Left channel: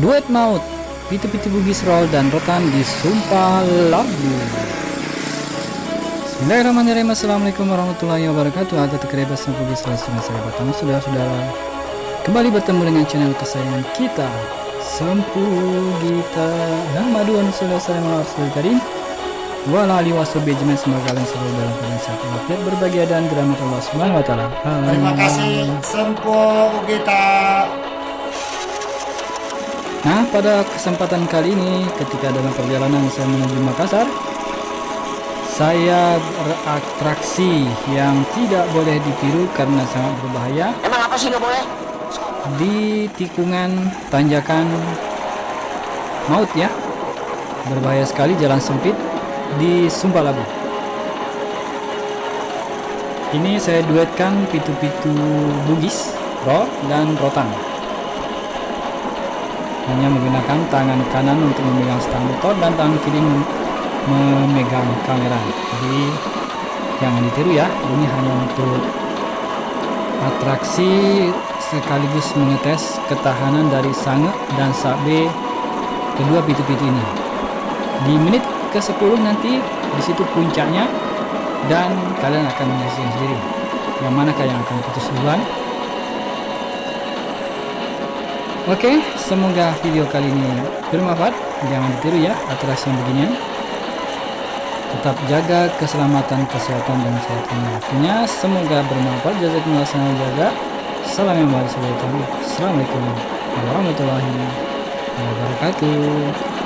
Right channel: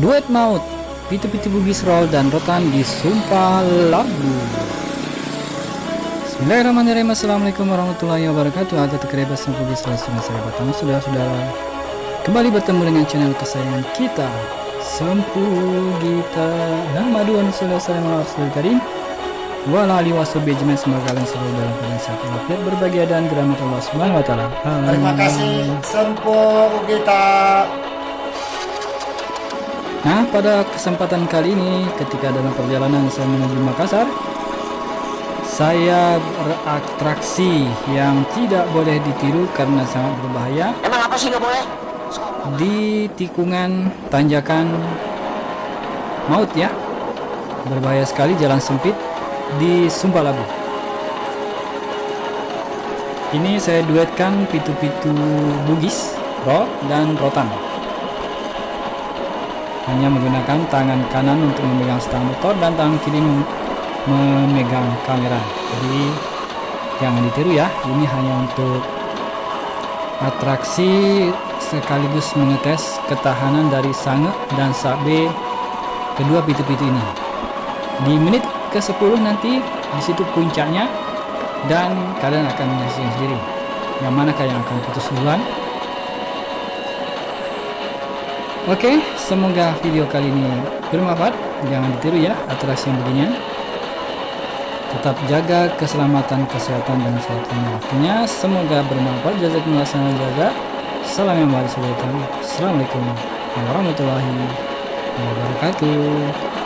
Duet maut, Pitu-Pitu Bugis Roll dan Rotan di Sumpah Labu. Bismillahirrahmanirrahim. Assalamualaikum warahmatullahi wabarakatuh. Ada terkrebat sang Bugis Roll saya batang saudara-saudara. Kembali bertemu dengan channel kesayangan kita, Sempu Gita. Nama dua saudara-saudara Rasul Karim. Wala ali washabi ajmain, semoga kalian selalu dalam keadaan sehat walafiat, berbahagia dan dirahmati Allah Subhanahu wa taala. Terima kasih Sempu Gita. Nah, pada kesempatan kali ini ketika dalam perjalanan saya menuju Makassar, saya beratraksi yang tidak boleh ditiru karena sangat berbahaya. Emang apa sih nggak boleh? Di tikungan tanjakan maut ya. Berbahaya sekali, jalan sempit di Sumpah Labu. Ini saya duetkan Pitu-Pitu Bugis, Roll dan Rotan. Hanya menggunakan tangan kanan untuk memegang stang motor dan tangan kiri memegang kamera. Jadi jangan ditiru ya. Ini hanya untuk atraksi sekaligus mengetes ketahanan dari sange dan sabe kedua pitu-pitu ini. Di menit ke-10 nanti di situ puncaknya dan kalian akan menyaksikan sendiri yang manakah yang akan putus duluan. Oke, semoga video kali ini bermanfaat. Jangan ditiru ya atraksi yang beginian. Tetap jaga keselamatan, kesehatan dan sehatnya. Artinya semoga bermanfaat. Jazakumullah khairan jaza. Salam yang baik. Assalamualaikum warahmatullahi wabarakatuh.